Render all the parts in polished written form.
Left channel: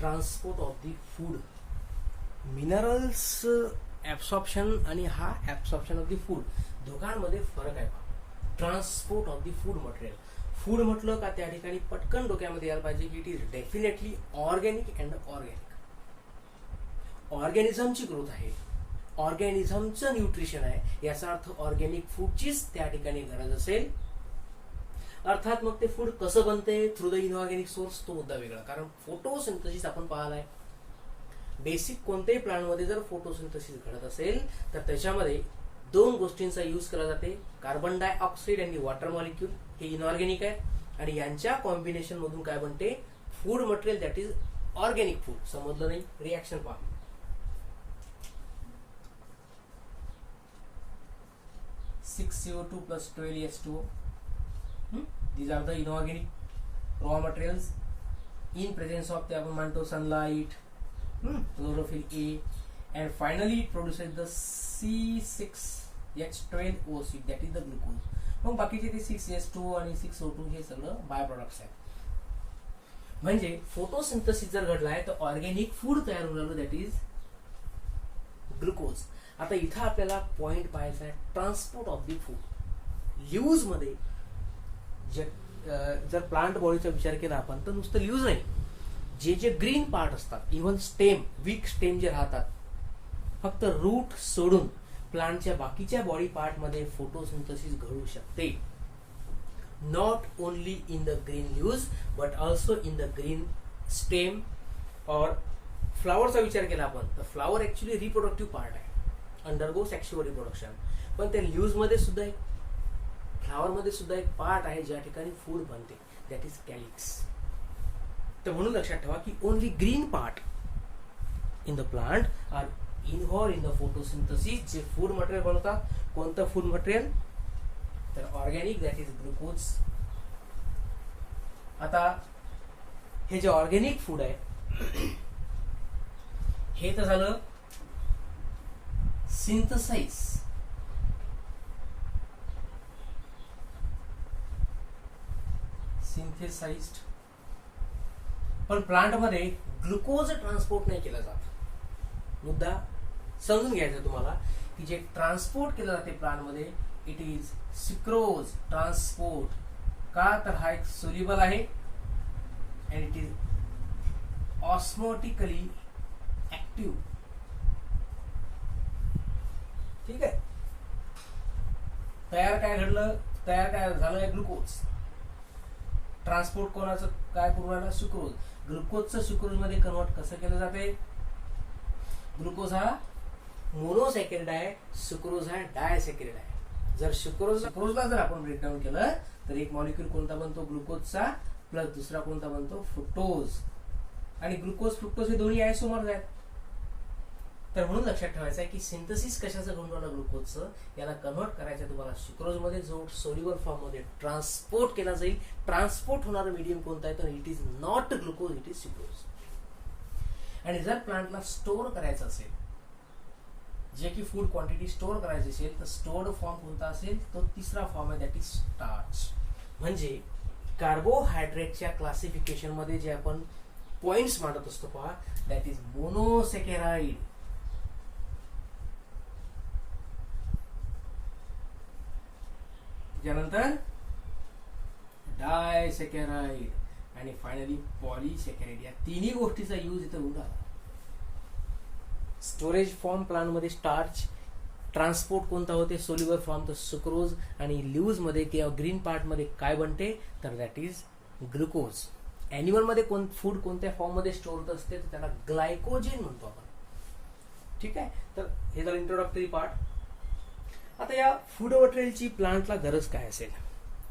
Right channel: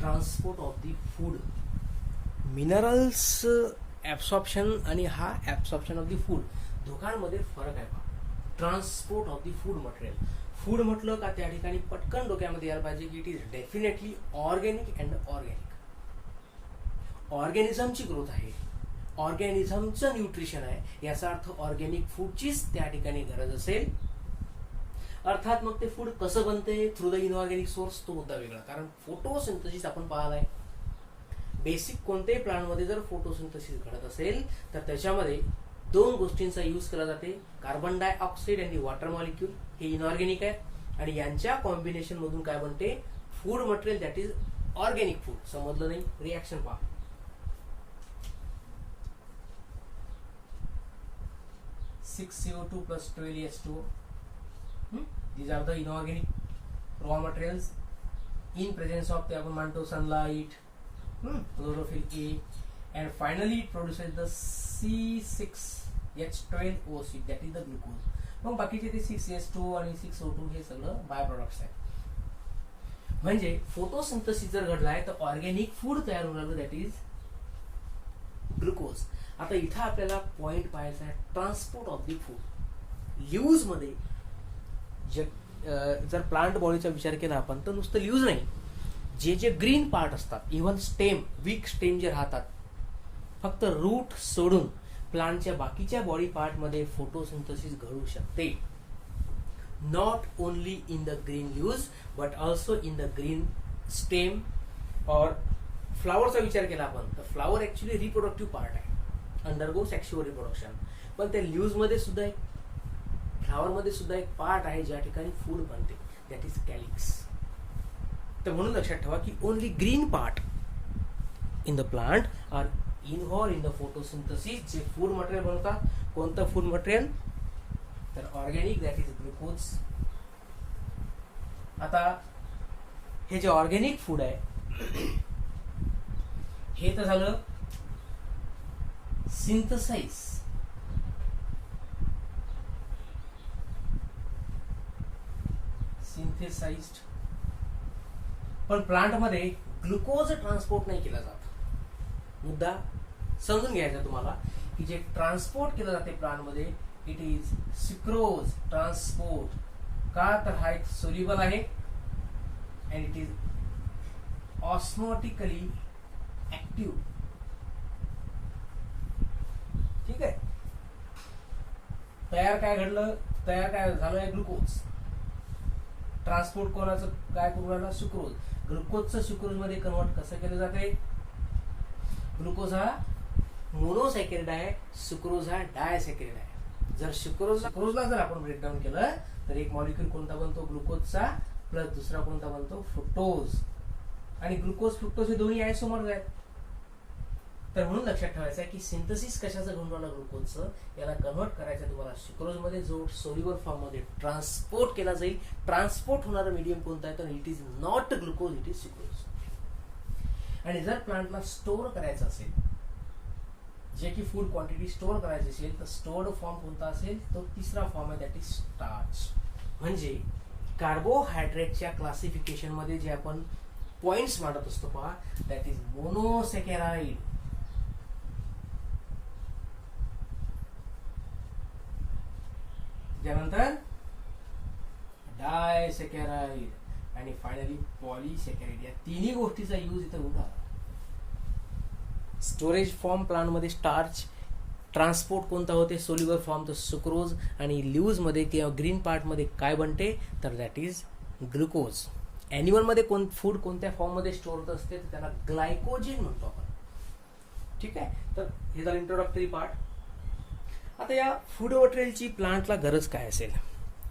Transport of the food. Minerals absorption आणि हा absorption of the food दोघांमध्ये फरक आहे. Transport of the food material. Food म्हटलं का त्या ठिकाणी पटकन डोक्यामध्ये यायला पाहिजे की it is definitely organic and organic. ऑर्गॅनिझमची ग्रोथ आहे, ऑर्गॅनिझमचं न्यूट्रिशन आहे, याचा अर्थ ऑर्गॅनिक फूडचीच त्या ठिकाणी गरज असेल. अर्थात मग ते फूड कसं बनते थ्रू द इनऑर्गॅनिक सोर्स तो मुद्दा वेगळा. कारण फोटोसिंथेसिस आपण पाहिलाय. बेसिक कोणत्याही प्लांटमध्ये जर फोटोसिंथेसिस घडत असेल तर त्याच्यामध्ये दोन गोष्टींचा यूज केला जाते. कार्बन डायऑक्साईड आणि वॉटर मॉलिक्यूल हे इनऑर्गॅनिक आहेत आणि यांच्या कॉम्बिनेशन मधून काय बनते food material that is organic food. समजलं नाही? रिॲक्शन पहा. 6CO2 plus 12H2O. These are the inorganic raw materials in presence of the आपण म्हणतो sunlight, chlorophyll A, and finally it produces the C6H12O6 that is the glucose. मग बाकीचे ते 6H2 आणि 6O2 हे सगळं बाय प्रोडक्ट्स आहेत. म्हणजे फोटोसिंथेसिस जर घडलाय तर ऑर्गॅनिक फूड तयार होणार दॅट इज ग्लुकोज. आता इथं आपल्याला पॉइंट पाहायचा आहे ट्रान्सपोर्ट ऑफ द फूड. ल्यूज मध्ये जर प्लांट बॉडीचा विचार केला आपण तर नुसतं ल्यूज नाही, जे ग्रीन पार्ट असतात, इव्हन स्टेम, वीक स्टेम जे राहतात, फक्त रूट सोडून प्लांटच्या बाकीच्या बॉडी पार्ट मध्ये फोटोसिंथेसिस घडू शकते. Not only in the green leaves but also in the green stem और फ्लावरचा विचार केला आपण तर फ्लावर ऍक्च्युली रिप्रोडक्टिव्ह पार्ट आहे, अंडरगो सेक्शुअल रिप्रोडक्शन. पण त्या लीव्स मध्ये सुद्धा एक, फ्लावर मध्ये सुद्धा एक पार्ट आहे ज्या ठिकाणी फूड बनते दॅट इज कॅलिक्स. तर म्हणून लक्षात ठेवा की only green part in the plant are involve in the photosynthesis. जे फूड मटेरियल बनवतात, कोणतं फूड मटेरियल तर ऑर्गॅनिक दॅट इज ग्लुकोज. आता हे जे ऑर्गॅनिक फूड आहे हे तर झालं सिंथेसाइज. सिंथेसाइज्ड. पण प्लांट मध्ये ग्लुकोज ट्रान्सपोर्ट नाही केला जात. मुद्दा समजून घ्यायचा तुम्हाला की जे ट्रान्सपोर्ट केलं जाते प्लांट मध्ये इट इज सुक्रोज ट्रान्सपोर्ट. का तर हा एक सोल्युबल आहे and it is osmotically active. ठीक आहे. तयार काय घडलं, तयार काय झालं ग्लुकोज. ट्रान्सपोर्ट कोणाचं काय करू राहिला सुक्रोज. ग्लुकोजचं सुक्रोज मध्ये कन्वर्ट कसं केलं जाते. ग्लुकोज हा मोनोसॅकॅरिड आहे, सुक्रोज हा डायसॅकॅरिड आहे. जर सुक्रोजला जर आपण ब्रेकडाऊन केलं तर एक मॉलिक्यूल कोणता बनतो ग्लुकोजचा प्लस दुसरा कोणता बनतो फ्रुक्टोज. आणि ग्लुकोज फ्रुक्टोज हे दोन्ही आयसोमर्स आहेत. तर म्हणून लक्षात ठेवायचं आहे की सिंथेसिस कशाचं घडून राहिलं ग्लुकोजचं, याला कन्वर्ट करायचं तुम्हाला सुक्रोज मध्ये जो सोल्युबल फॉर्म मध्ये ट्रान्सपोर्ट केला जाईल. ट्रान्सपोर्ट होणारं मीडियम कोणता आहे तर it is not glucose, it is sucrose. आणि जर प्लांटला स्टोअर करायचं असेल, जे की फूड क्वांटिटी स्टोअर करायची असेल तर स्टोअर्ड फॉर्म कोणता असेल तो तिसरा फॉर्म आहे दॅट इज स्टार्च. म्हणजे कार्बोहायड्रेटच्या क्लासिफिकेशन मध्ये जे आपण पॉइंट्स मांडत असतो पहा दॅट इज मोनोसॅकॅराइड. त्यानंतर डायसॅकॅराइड आणि फायनली पॉलीसॅकॅराइड. या तिन्ही गोष्टीचा यूज इथं होता. स्टोरेज फॉर्म प्लांट मध्ये स्टार्च, ट्रान्सपोर्ट कोणता होते सोल्युबल फॉर्म तर सुक्रोज, आणि लीव्ज मध्ये किंवा ग्रीन पार्ट मध्ये काय बनते तर दॅट इज ग्लुकोज. अॅनिमल मध्ये फूड कोणत्या फॉर्म मध्ये स्टोअर होत असते तर त्याला ग्लायकोजेन म्हणतो आपण. ठीक आहे. तर हे झालं इंट्रोडक्टरी पार्ट. आता या फूड मटेरियलची प्लांटला गरज काय असेल.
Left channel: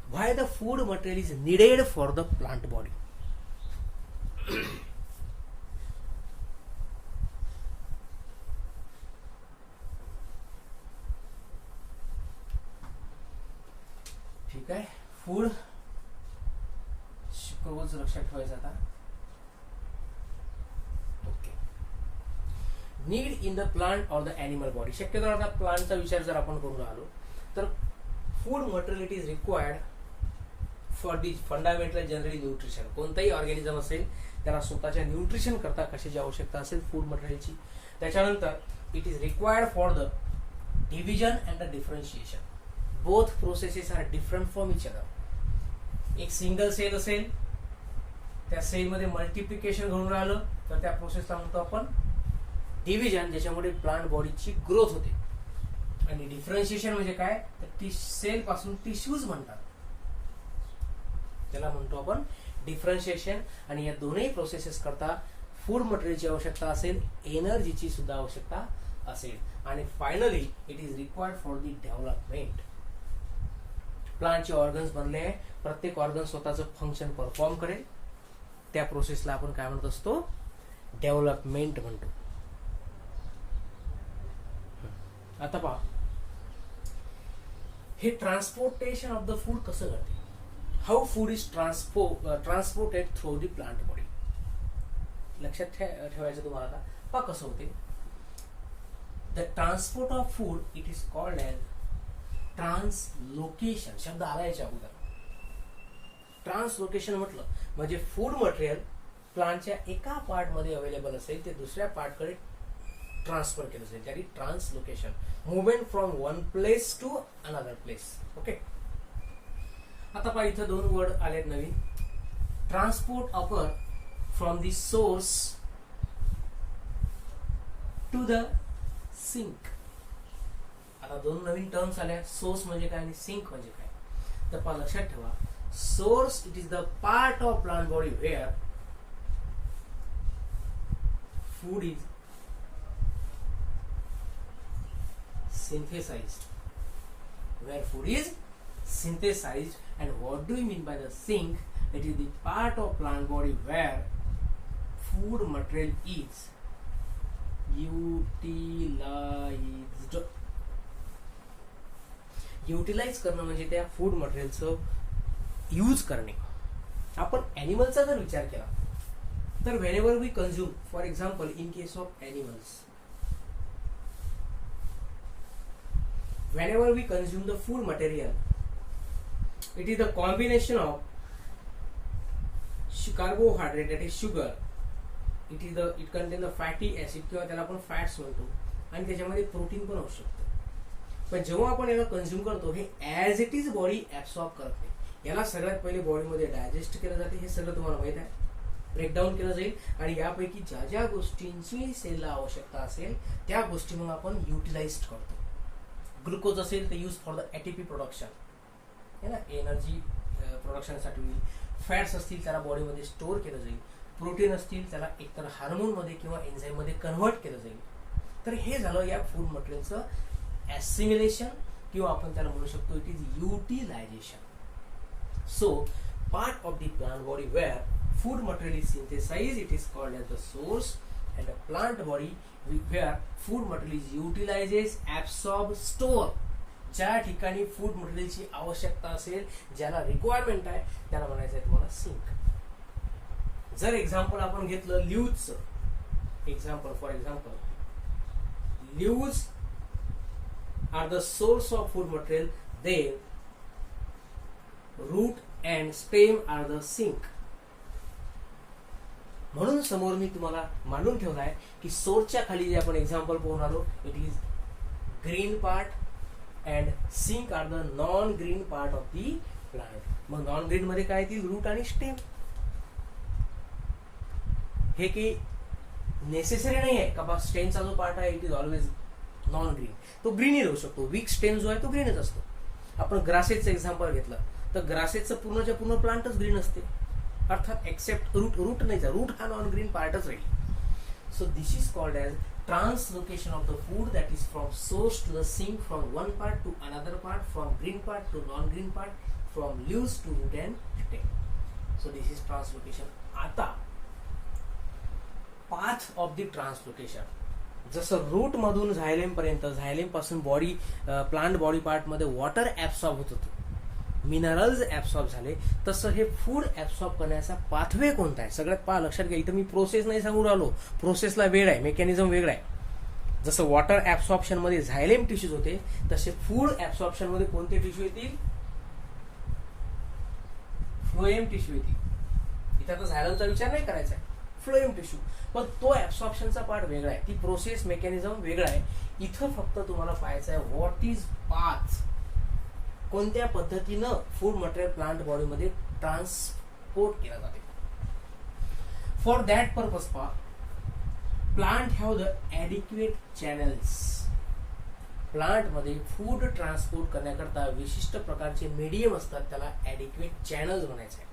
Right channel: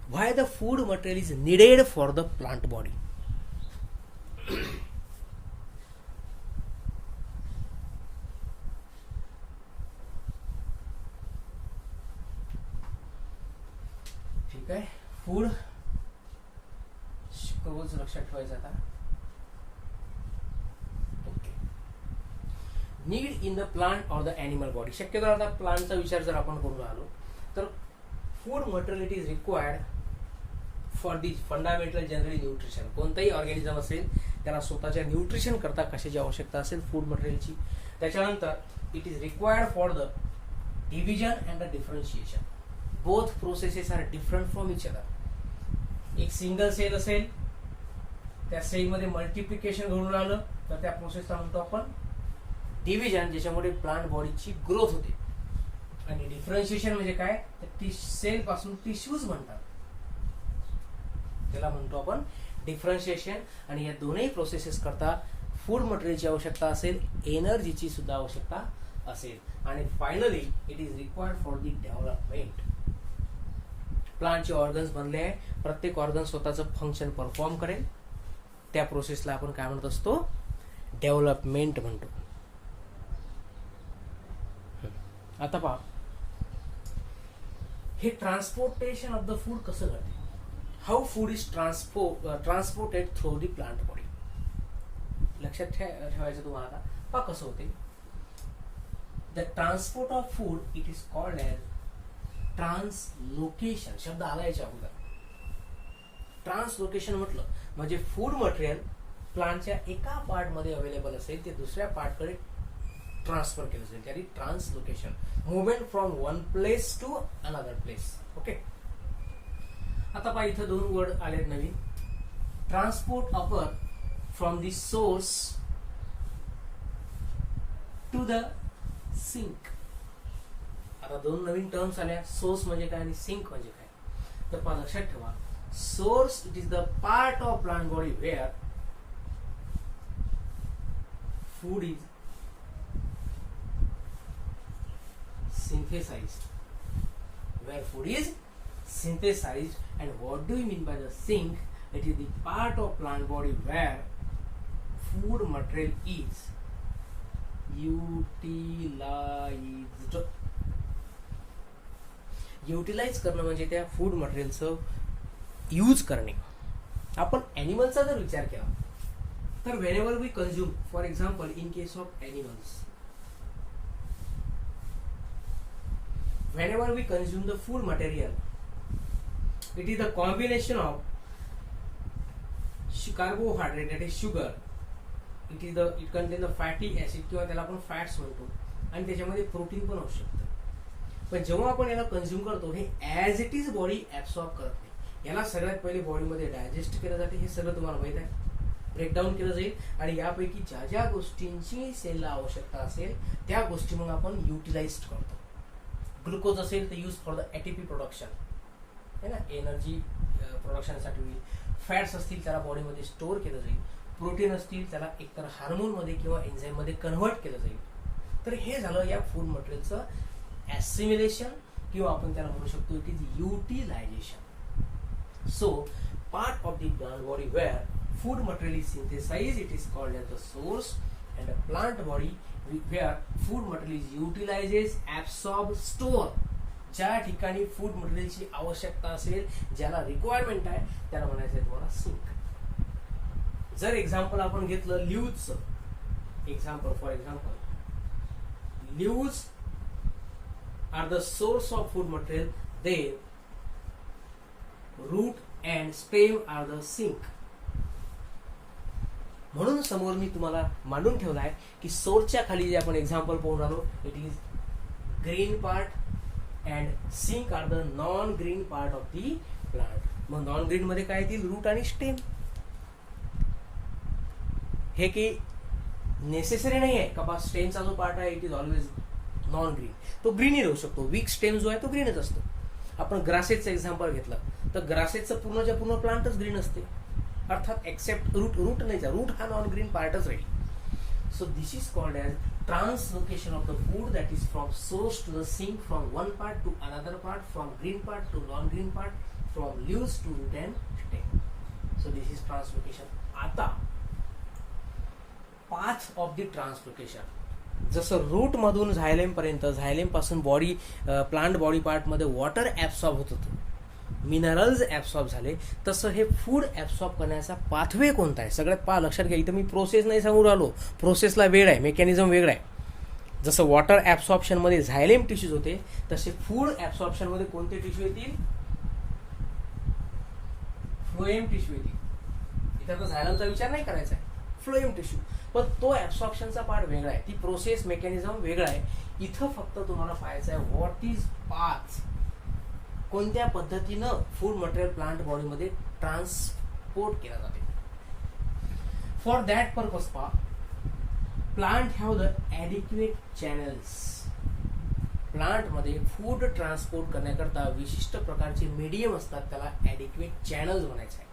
Why the food material is needed for the plant body. ठीक आहे. फूड सुक्रोज लक्षात ठेवायचं आता. Okay. Need in the plant और द एनिमल बॉडी. शक्यतो आता प्लांटचा विचार जर आपण करून आलो तर food material it is required for the fundamental generally nutrition. कोणताही ऑर्गॅनिझम असेल त्याला स्वतःच्या न्यूट्रिशन करता कशाची आवश्यकता असेल, फूड मटेरियलची. त्याच्यानंतर it is required for the division and the differentiation. Both processes are different from each other. एक सिंगल सेल असेल, त्या सेलमध्ये मल्टिप्लिकेशन घडून राहिलं तर त्या प्रोसेसला म्हणतो आपण डिव्हिजन, ज्याच्यामध्ये प्लांट बॉडीची ग्रोथ होते. आणि डिफरन्शिएशन म्हणजे काय, तर सेल पासून टिश्यूज म्हणतात, त्याला म्हणतो आपण डिफरन्शिएशन. आणि या दोन्ही प्रोसेसेस करता फूड मटेरियलची आवश्यकता असेल, एनर्जीची सुद्धा आवश्यकता असेल. आणि finally it is required for the development. प्लांटचे ऑर्गन्स बनले आहे, प्रत्येक ऑर्गन स्वतःचं फंक्शन परफॉर्म करेल, त्या प्रोसेसला आपण काय म्हणत असतो, डेव्हलपमेंट म्हणतो. आता पहा, हे ट्रान्सपोर्टेशन ऑफ द फूड कसं घडते. How food is transported through the plant body. लक्षात ठेवायचं तुम्हाला. आता पहा कसं होते. The transport of food it is called as translocation. शब्द आला याच्या अगोदर. ट्रान्सलोकेशन म्हटलं म्हणजे फूड मटेरियल प्लांटच्या एका पार्ट मध्ये अवेलेबल असेल ते दुसऱ्या पार्टकडे ट्रान्सफर केलं जाईल, त्याची translocation. Movement from one place to another place. Okay. आता पहा, इथं दोन वर्ड आलेत नवीन. Transport occur from the source to the sink. आता दोन नवीन टर्म्स आल्या. सोर्स म्हणजे काय आणि सिंक म्हणजे काय. तर पहा, लक्षात ठेवा, source it is the part of plant body where food is synthesized. Where food is synthesized. And what do you mean by the sink? It is the part of plant body where food material is utilized. Utilize करणं म्हणजे त्या food मटेरियलचं use करणे. आपण एनिमलचा जर विचार केला तर whenever we consume, for example in case of animals, whenever we consume the food material, it is the combination of carbohydrate, that is sugar. It contains the fatty acid किंवा त्याला आपण fats म्हणतो, आणि त्याच्यामध्ये प्रोटीन पण असू शकतं. पण जेव्हा आपण याला कंझ्युम करतो हे as it is body absorb करते. याला सगळ्यात पहिले बॉडीमध्ये डायजेस्ट केलं जाते, हे सगळं तुम्हाला माहित आहे. ब्रेकडाऊन केलं जाईल आणि यापैकी ज्या ज्या गोष्टींची सेलला आवश्यकता असेल त्या गोष्टी मग आपण युटिलाइज करतो. ग्लुकोज असेल तर use for the ATP production, है ना, एनर्जी प्रोडक्शनसाठी. फॅट्स असतील त्याला बॉडीमध्ये स्टोअर केलं जाईल. प्रोटीन असतील त्याला एकतर हार्मोनमध्ये किंवा एन्झाईममध्ये कन्व्हर्ट केलं जाईल. तर हे झालं या फूड मटेरियलचं ऍसिमिलेशन, किंवा आपण त्याला म्हणू शकतो it is utilization. So part of the plant body where food material is synthesized, it is called as the source. And the plant body where food material is utilizes, absorb, store. ज्या ठिकाणी food मटेरियलची आवश्यकता असेल, ज्याला requirement आहे, त्याला म्हणायचं आहे तुम्हाला सिंक. जर एक्झाम्पल आपण घेतलं लीव्हजचं example, for example leaves are the source of food material, then root and stem are the sink. म्हणून समोर मी तुम्हाला मांडून ठेवला आहे की सोर्सच्या खाली जे आपण एक्झाम्पल पाहून आलो, it is green part and sink are the non green part of the plant. मग नॉन ग्रीन मध्ये काय येतील, रूट आणि स्टेम. हे की नेसेसरी नाही आहे का बा स्टेमचा जो पार्ट आहे it is always non green, तो ग्रीनही राहू शकतो. वीक स्टेम जो आहे तो ग्रीनच असतो. आपण ग्रासेसचं एक्झाम्पल घेतलं तर ग्रासेसचं पूर्णच्या पूर्ण प्लांटच ग्रीन असते, अर्थात एक्सेप्ट रूट. रूट नाही, रूट हा नॉन ग्रीन पार्टच राहील. So this is called as translocation of the food, that is from source to the sink, from one part to another part, from green part to non green part, from leaves to root and stem. So this is translocation. आता path of the translocation, जसं root मधून xylem पर्यंत, xylem पासून body plant body part मध्ये water absorb होत होतं, minerals absorb झाले, तसं हे फूड ऍब्सॉर्ब करण्याचा पाथवे कोणता आहे सगळ्यात पहा. लक्षात घ्या, इथं मी प्रोसेस नाही सांगू राहिलो, प्रोसेसला वेळ आहे, मेकॅनिझम वेगळा आहे. जसं वॉटर ऍब्सॉर्प्शन मध्ये झायलेम टिश्यूज होते, तसे फूड ऍब्सॉर्प्शन मध्ये कोणते टिश्यू येतील, फ्लोएम टिश्यू येतील. इथं तर झायलेमचा विचार नाही करायचा आहे. Phloem tissue. पण तो ऍब्सॉर्प्शनचा पार्ट वेगळा आहे, ती प्रोसेस मेकॅनिझम वेगळा आहे. इथं फक्त तुम्हाला पाहायचं आहे व्हॉट इज पाथ, कोणत्या पद्धतीनं फूड मटेरियल प्लांट बॉडीमध्ये ट्रान्सपोर्ट केला जाते. फॉर दॅट पर्पज पहा, plant have the adequate channels. प्लांटमध्ये फूड ट्रान्सपोर्ट करण्याकरता विशिष्ट प्रकारचे मीडियम असतात, त्याला ॲडिक्वेट चॅनल्स म्हणायचं आहे.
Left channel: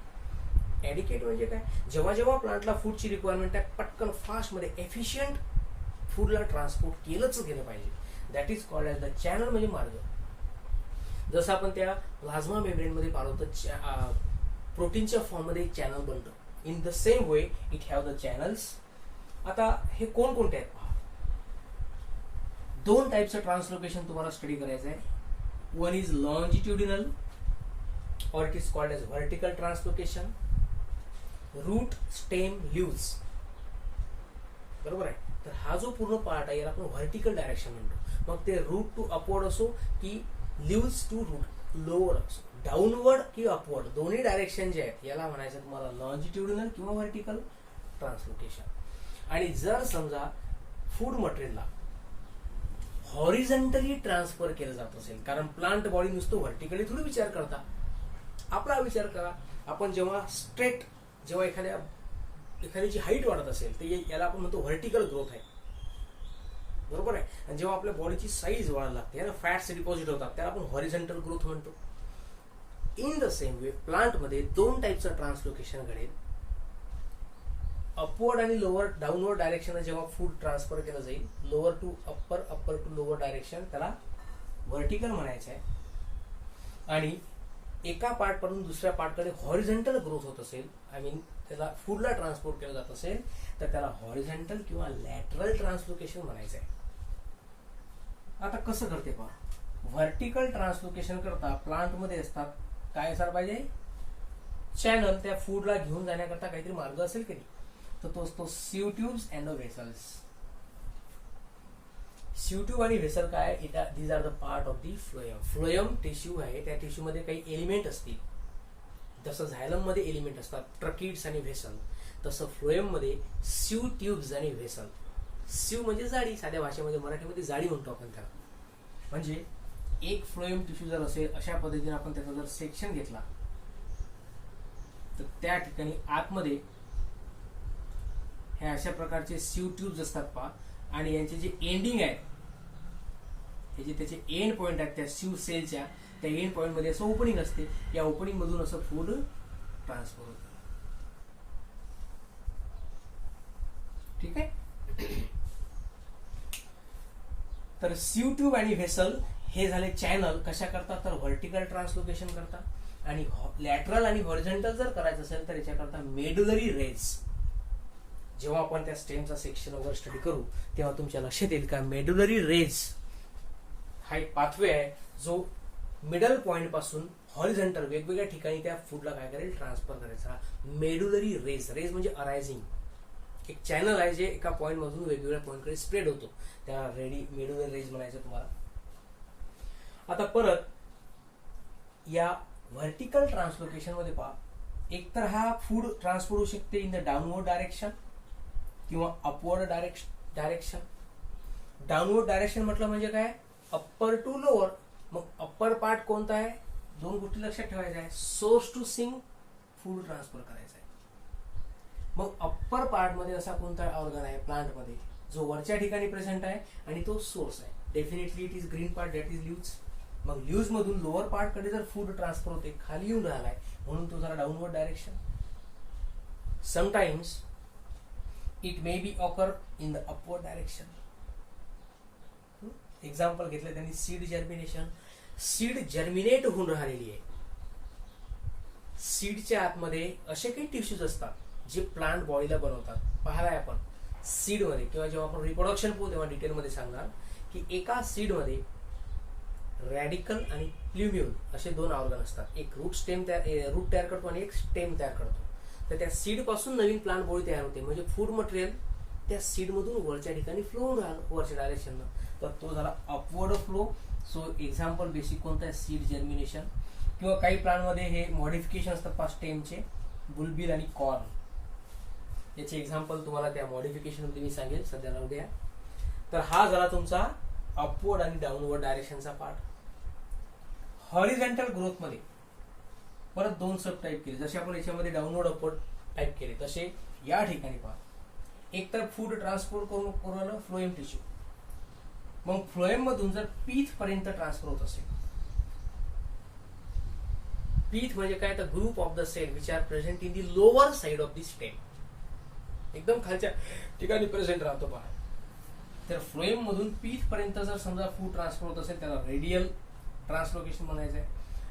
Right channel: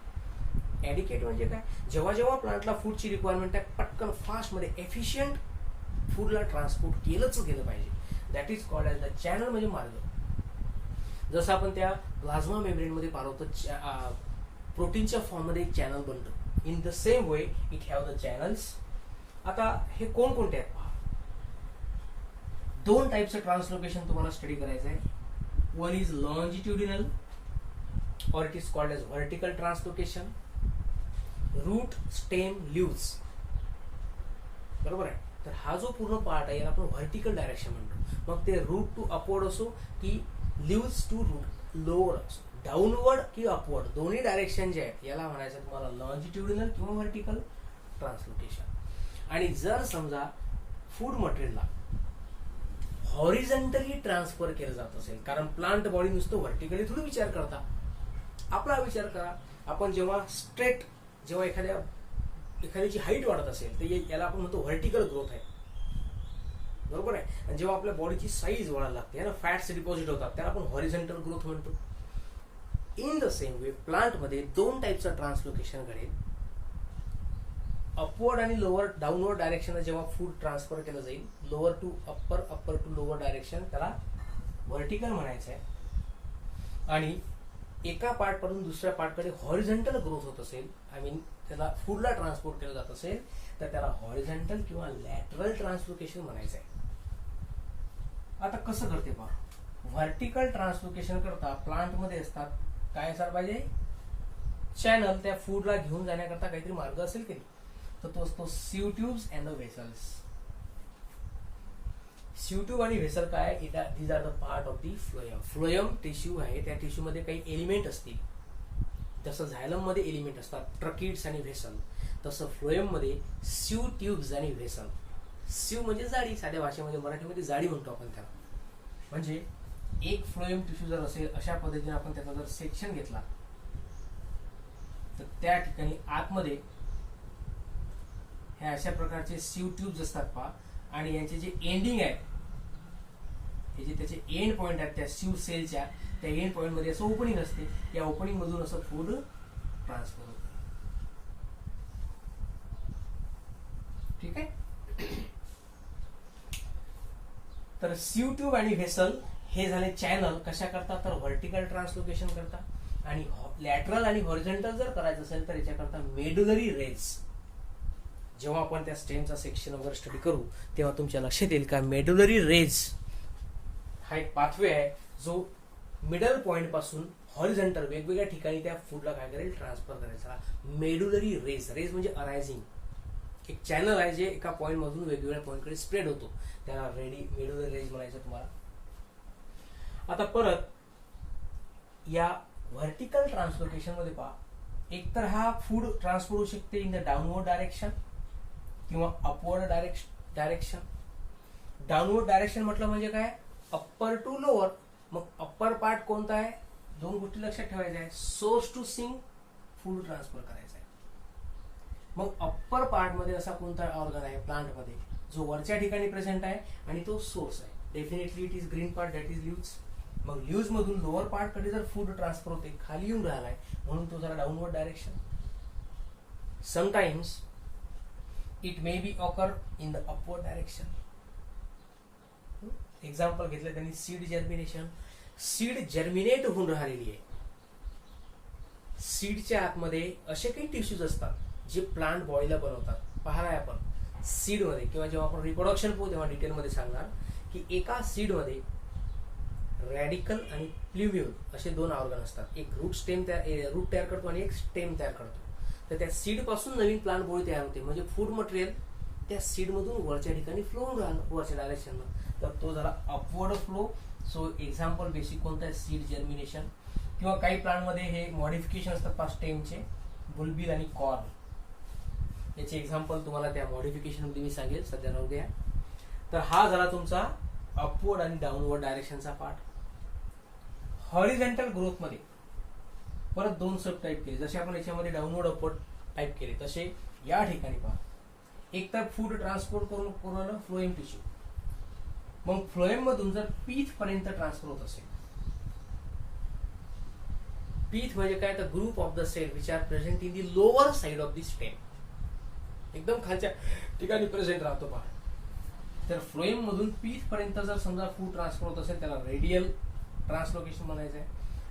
ॲडिक्वेट म्हणजे काय, जेव्हा जेव्हा प्लांटला फूडची रिक्वायरमेंट आहे, पटकन फास्टमध्ये एफिशियंट फूडला ट्रान्सपोर्ट केलंच गेलं पाहिजे. That is called as the channel, म्हणजे मार्ग. जसं आपण त्या प्लाझ्मा मेम्ब्रेनमध्ये पाहतो, प्रोटीनच्या फॉर्ममध्ये एक चॅनल बनतो. In the same way it have the channels. आता हे कोणकोणते आहेत पहा. दोन टाईपचं ट्रान्सलोकेशन तुम्हाला स्टडी करायचं आहे. One is longitudinal or it is called as vertical translocation. Root stem leaves, बरोबर आहे. तर हा जो पूर्ण पार्ट आहे याला आपण व्हर्टिकल डायरेक्शन म्हणतो. मग ते रूट टू अपवर्ड असो की लीव्स टू रूट लोअर असो, डाऊनवर्ड की अपवर्ड, दोन्ही डायरेक्शन जे आहेत याला म्हणायचं तुम्हाला लॉन्जिट्युडिनल किंवा व्हर्टिकल ट्रान्सलोकेशन. आणि जर समजा फूड मटेरियलला हॉरिझॉन्टली ट्रान्सफर केलं जात असेल, कारण प्लांट बॉडी नुसतं व्हर्टिकली थोडी विचार करता, आपला विचार करा. आपण जेव्हा स्ट्रेट, जेव्हा एखाद्याची हाईट वाढत असेल तर याला आपण म्हणतो व्हर्टिकल ग्रोथ आहे, बरोबर आहे. आणि जेव्हा आपल्या बॉडीची साईज वाढायला लागते ना, फॅट्स डिपॉझिट होतात, त्याला आपण हॉरिझॉन्टल ग्रोथ म्हणतो. इन द सेम वे प्लांटमध्ये दोन टाईपचं ट्रान्सलोकेशन घडेल. अपवर्ड आणि लोअर, डाऊनवर्ड डायरेक्शन जेव्हा फूड ट्रान्सफर केलं जाईल, lower to upper, upper to lower direction, त्याला व्हर्टिकल म्हणायचं आहे. आणि एका पार्ट पासून दुसऱ्या पार्टकडे हॉरिझॉन्टल ग्रोथ होत असेल, आय मीन त्याला फूडला ट्रान्सपोर्ट केलं जात असेल, तर त्याला हॉरिझॉन्टल किंवा लॅटरल ट्रान्सलोकेशन म्हणायचं आहे. आता कसं करते पहा, व्हर्टिकल ट्रान्सलोकेशन करता प्लांटमध्ये असतात काय असायला पाहिजे, चॅनल. त्या फूडला घेऊन जाण्याकरता काहीतरी मार्ग असेल की नाही, तर तो असतो sieve tubes and vessels. Sieve tube आणि व्हेसल काय, these are the part of the phloem. Phloem tissue आहे, त्या टिश्यू मध्ये काही एलिमेंट असतील. जसं झायलम मध्ये एलिमेंट असतात ट्रकिड्स आणि व्हेसल, तसं फ्लोएम मध्ये सीव ट्यूब्स आणि व्हेसल. सीव म्हणजे जाळी, साध्या भाषेमध्ये मराठीमध्ये जाळी म्हणतो आपण त्याला. म्हणजे एक फ्लोएम टिश्यू जर असेल, अशा पद्धतीने आपण त्याचा जर सेक्शन घेतला तर त्या ठिकाणी आतमध्ये हे अशा प्रकारचे सीव ट्यूब्स असतात पहा. आणि यांचे जे एंडिंग आहे, हे जे त्याचे एंड पॉइंट आहेत त्या सीव सेलच्या, त्या एंड पॉइंट मध्ये असं ओपनिंग असते. या ओपनिंग मधून असं फूड ट्रान्सफर होतं. ठीक आहे. तर सीव ट्यूब आणि व्हेसल हे झाले चॅनल. कशा करतात, तर व्हर्टिकल ट्रान्सलोकेशन करतात. आणि लॅटरल आणि हॉरिझॉन्टल जर करायचं असेल तर याच्याकरता मेडुलरी रेज. जेव्हा आपण त्या स्टेमचा सेक्शन वगैरे स्टडी करू तेव्हा तुमच्या लक्षात येईल का मेडुलरी रेज हा एक पाथवे आहे जो मिडल पॉइंट पासून हॉरिझॉन्टल वेगवेगळ्या ठिकाणी त्या फूडला काय करेल, ट्रान्सफर करायचा. मेडुलरी रेज, रेज म्हणजे अरायझिंग, एक चॅनल आहे जे एका पॉइंट मधून वेगवेगळ्या पॉइंटकडे स्प्रेड होतो, त्याला मेडुलरी रेज म्हणायचं तुम्हाला. आता परत या व्हर्टिकल ट्रान्सलोकेशन मध्ये पहा, एकतर हा फूड ट्रान्सफर होऊ शकते इन द डाऊनवर्ड डायरेक्शन किंवा अपवर्ड डायरेक्शन. डाऊनवर्ड डायरेक्शन म्हटलं म्हणजे काय, अप्पर टू लोअर. मग अप्पर पार्ट कोणता आहे, दोन गोष्टी लक्षात ठेवायच्या आहे. Source to sink food transfer करायचा आहे. मग अप्पर पार्ट मध्ये असा कोणता ऑर्गन आहे प्लांट मध्ये जो वरच्या ठिकाणी प्रेझेंट आहे आणि तो सोर्स आहे. Definitely it is green part, that is leaves. मग लीव्स मधून लोअर पार्ट कडे जर फूड ट्रान्सफर होते, खाली येऊन राहिलाय म्हणून तो जरा downward direction. Sometimes it may be occur in the upward direction. Example घेतलं त्यांनी सीड जर्मिनेशन. सीड जर्मिनेट होऊन राहिलेली आहे. सीडच्या आतमध्ये असे काही टिश्यूज असतात जे प्लांट बॉडीला बनवतात. पाहायला आपण सीड मध्ये किंवा जेव्हा आपण रिप्रोडक्शन पाहू तेव्हा डिटेलमध्ये सांगणार की एका सीड मध्ये रॅडिकल आणि प्ल्युम्यूल असे दोन ऑर्गन असतात. एक रूट तयार करतो आणि एक स्टेम तयार करतो. तर त्या सीड पासून नवीन प्लांट बॉडी तयार होते. म्हणजे फूड मटेरियल त्या सीड मधून वरच्या ठिकाणी फ्लो होऊन राहिलं, वरच्या डायरेक्शन. तर तो झाला upward flow. So example basic कोणतं आहे, सीड जर्मिनेशन. किंवा काही प्लांट मध्ये हे मॉडिफिकेशन असतात पाच स्टेमचे, बुलबिल आणि कॉर्न. याचे एक्झाम्पल तुम्हाला त्या मॉडिफिकेशन मध्ये मी सांगेल, सध्या राहू द्या. तर हा झाला तुमचा अपवर्ड आणि डाऊनवर्ड डायरेक्शनचा पार्ट. हॉरिझॉन्टल ग्रोथ मध्ये परत 2 सब टाईप केले, जसे आपण याच्यामध्ये डाऊनवर्ड अपवर्ड टाईप केले तसे या ठिकाणी पहा. एक तर फूड ट्रान्सपोर्ट करून आलं फ्लोएम टिश्यू, मग फ्लोएम मधून जर पीथ पर्यंत ट्रान्सफर होत असेल, पीथ म्हणजे काय, तर group of the cell which are present in the lower side of the stem, एकदम खालच्या ठिकाणी प्रेझेंट राहतो पहा. तर फ्लोएम मधून पीथ पर्यंत जर समजा फूड ट्रान्सफर होत असेल त्याला रेडियल ट्रान्सलोकेशन म्हणायचं आहे,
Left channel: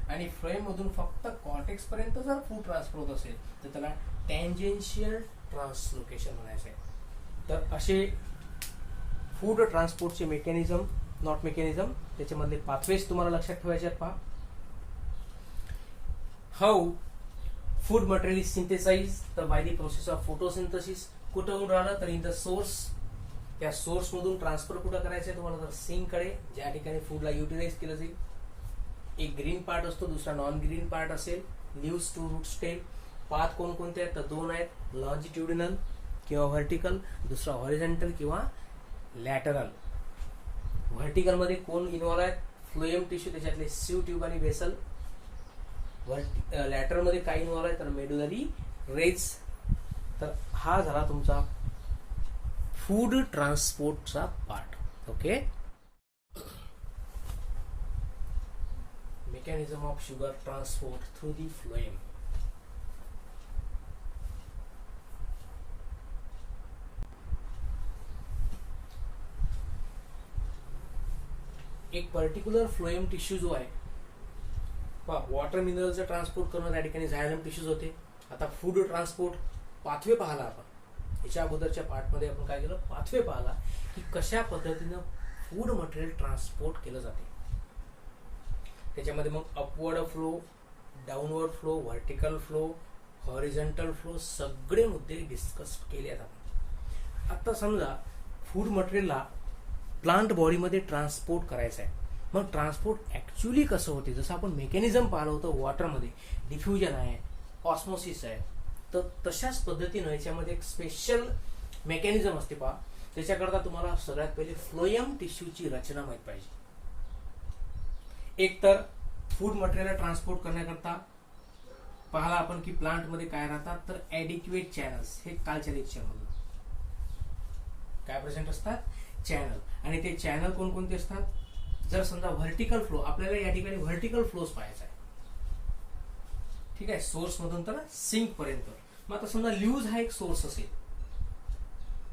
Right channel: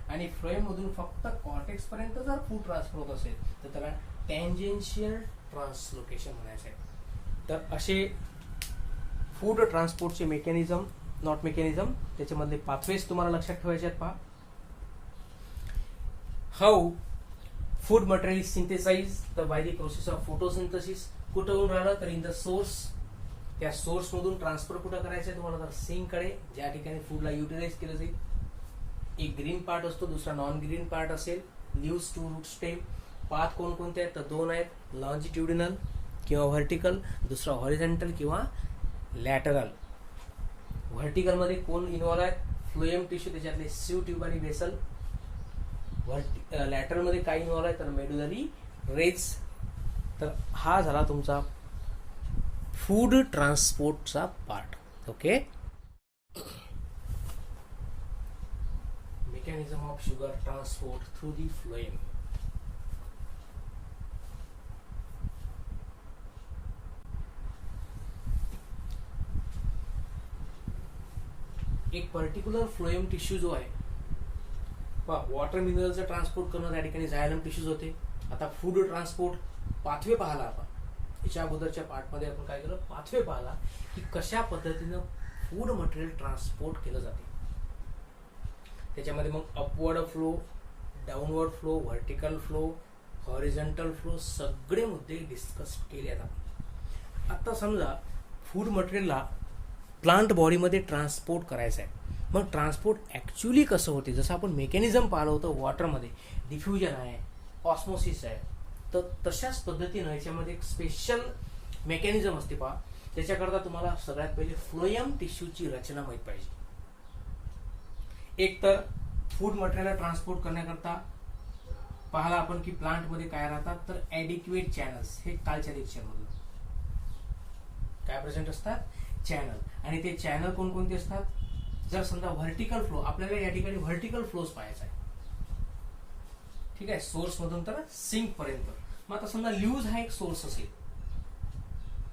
आणि फ्लोएम मधून फक्त कॉर्टेक्स पर्यंत जर फूड ट्रान्सफर होत असेल तर त्याला टँजेन्शियल ट्रान्सलोकेशन म्हणायचं आहे. तर असे फूड ट्रान्सपोर्टचे मेकॅनिझम, नॉट मेकॅनिझम, त्याच्यामधले पाथवेज तुम्हाला लक्षात ठेवायचे आहेत. पहा, how food material is synthesise, तर by the process of photosynthesis. कुठं होऊन राहिलं तर इन द सोर्स, त्या सोर्स मधून ट्रान्सफर कुठं करायचं आहे तुम्हाला, तर सिंक कडे, ज्या ठिकाणी फूडला युटिलाइज केलं जाईल. एक ग्रीन पार्ट असतो, दुसरा नॉन ग्रीन पार्ट असेल. Leaves to root stem. Path कोणकोणते आहेत तर 2 आहेत, लॉन्जिट्युडिनल किंवा व्हर्टिकल, दुसरा हॉरिझॉन्टल किंवा लॅटरल. व्हर्टिकल मध्ये कोण इन्व्हॉल्व आहेत, फ्लोएम टिश्यू, त्याच्यातले सीव ट्यूब आणि वेसल. लॅटरल मध्ये काय इन्व्हॉल्व आहे तर मेडुलरी रेज. तर हा झाला तुमचा फूड ट्रान्सपोर्टचा part. Okay, mechanism of sugar transport through the phloem. एक पर्टिक्युलर फ्लोएम टिश्यू जो आहे, वॉटर मिनरलचं ट्रान्सपोर्ट करणं त्या ठिकाणी झायलम टिश्यूज होते. आता फूड ट्रान्सपोर्ट पाथवे पाहिला आपण, याच्या अगोदरच्या पार्टमध्ये आपण काय केलं, पाथवे पाहिला की कशा पद्धतीनं फूड मटेरियल ट्रान्सपोर्ट केलं जाते. त्याच्यामध्ये मग upward flow, downward flow, vertical flow, horizontal flow, सगळे मुद्दे डिस्कस केले जातात. आता समजा फूड मटेरियलला प्लांट बॉडीमध्ये ट्रान्सपोर्ट करायचं आहे, मग ट्रान्सपोर्ट ऍक्च्युली कसं होते, जसं आपण मेकॅनिझम पाहिलं होतं वॉटरमध्ये, डिफ्युजन आहे, ऑस्मोसिस आहे, तर तशाच पद्धतीनं याच्यामध्ये एक स्पेशल मेकॅनिझम असते पहा. त्याच्याकरता तुम्हाला सगळ्यात पहिले फ्लोएम टिश्यूची रचना माहित पाहिजे. एक तर फूड मटेरियल ट्रान्सपोर्ट करण्याकरता पाहिला आपण की प्लांटमध्ये काय राहतात तर ऍडिक्युएट चॅनल्स. हे कालच्या लेक्चरमध्ये काय प्रेझेंट असतात, चॅनल. आणि ते चॅनल कोणकोणते असतात, जर समजा व्हर्टिकल फ्लो, आपल्याला या ठिकाणी व्हर्टिकल फ्लोज पाहायचा आहे, ठीक आहे, सोर्स मधून तर सिंक पर्यंत. मग आता समजा ल्यूज हा एक सोर्स असेल,